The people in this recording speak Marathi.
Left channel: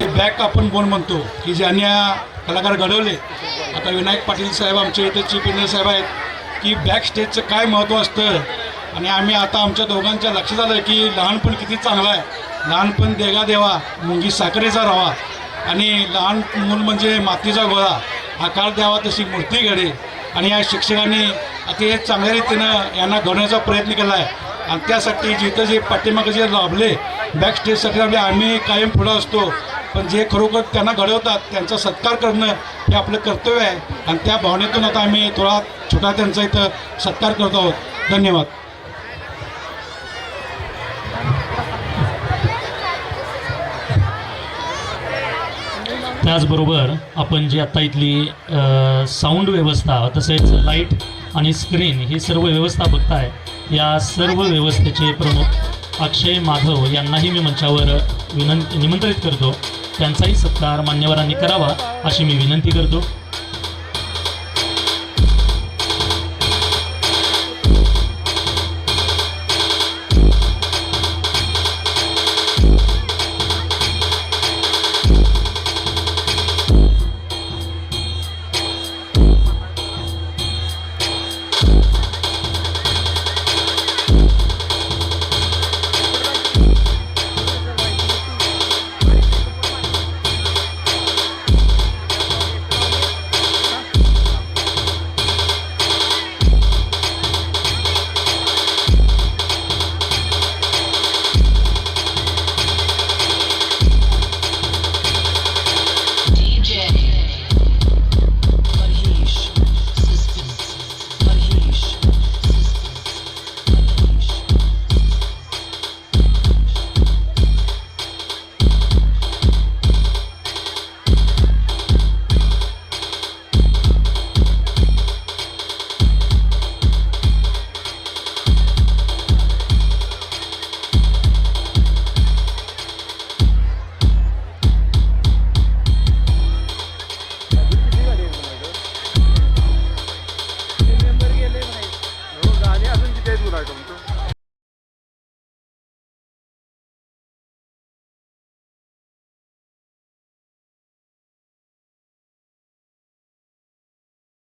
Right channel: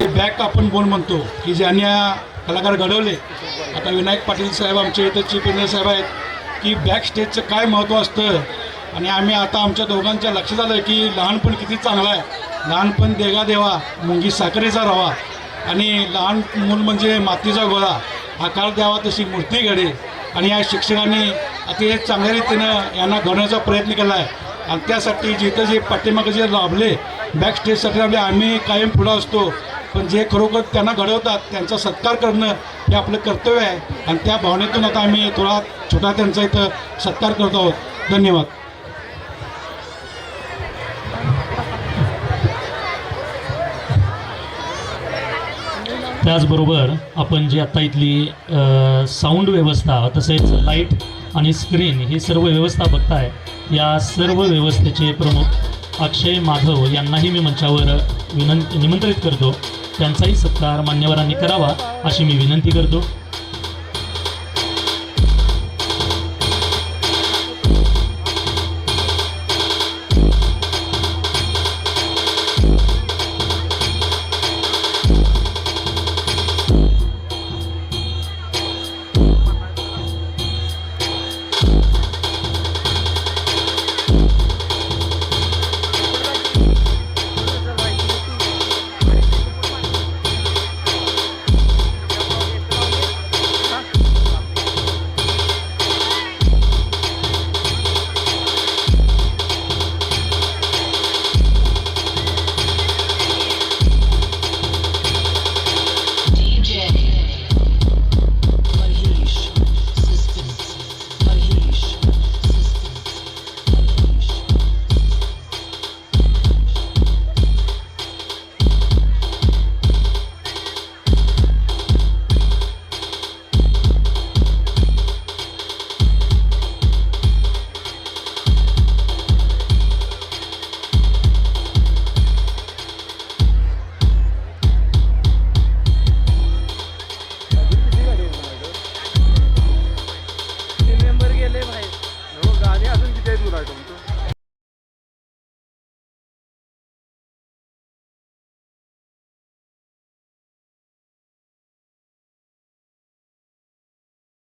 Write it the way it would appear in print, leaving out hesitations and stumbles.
बॅक आपण कोण म्हणतो की ज्यांनी कलाकार घडवले. आता विनायक पाटील साहेब आमचे इथं चीफ इंजिनियर साहेब आहेत की बॅक स्टेजचं काय महत्त्व असतं. आणि आम्ही आता आमच्या दोघांच्या लक्षात आलं की लहानपण किती चांगलं आहे. लहानपण देगा देवा मुंगी साखरेचा रवा आणि लहान मूल म्हणजे मातीचा गोळा आकार द्यावा तशी मूर्ती घडे. आणि या शिक्षकांनी अतिशय चांगल्या रीतीनं यांना घडवण्याचा प्रयत्न केला आहे. आणि त्यासाठी जिथं जे पाठीमागं जे लाभले बॅक स्टेजसाठी लाभले आम्ही कायम पुढं असतो. पण जे खरोखर त्यांना घडवतात त्यांचा सत्कार करणं हे आपलं कर्तव्य आहे. आणि त्या भावनेतून आता आम्ही थोडा छोटा त्यांचा इथं सत्कार करत आहोत. धन्यवाद. त्याचबरोबर आपण जी आता इथली साऊंड व्यवस्था तसेच लाईट आणि स्क्रीन ही सर्व व्यवस्था बघताय, या सर्व व्यवस्थेचे प्रमुख अक्षय माधव यांनाही मी मंचावर निमंत्रित करतो. त्यांचाही सत्कार मान्यवरांनी करावा अशी मी विनंती करतो.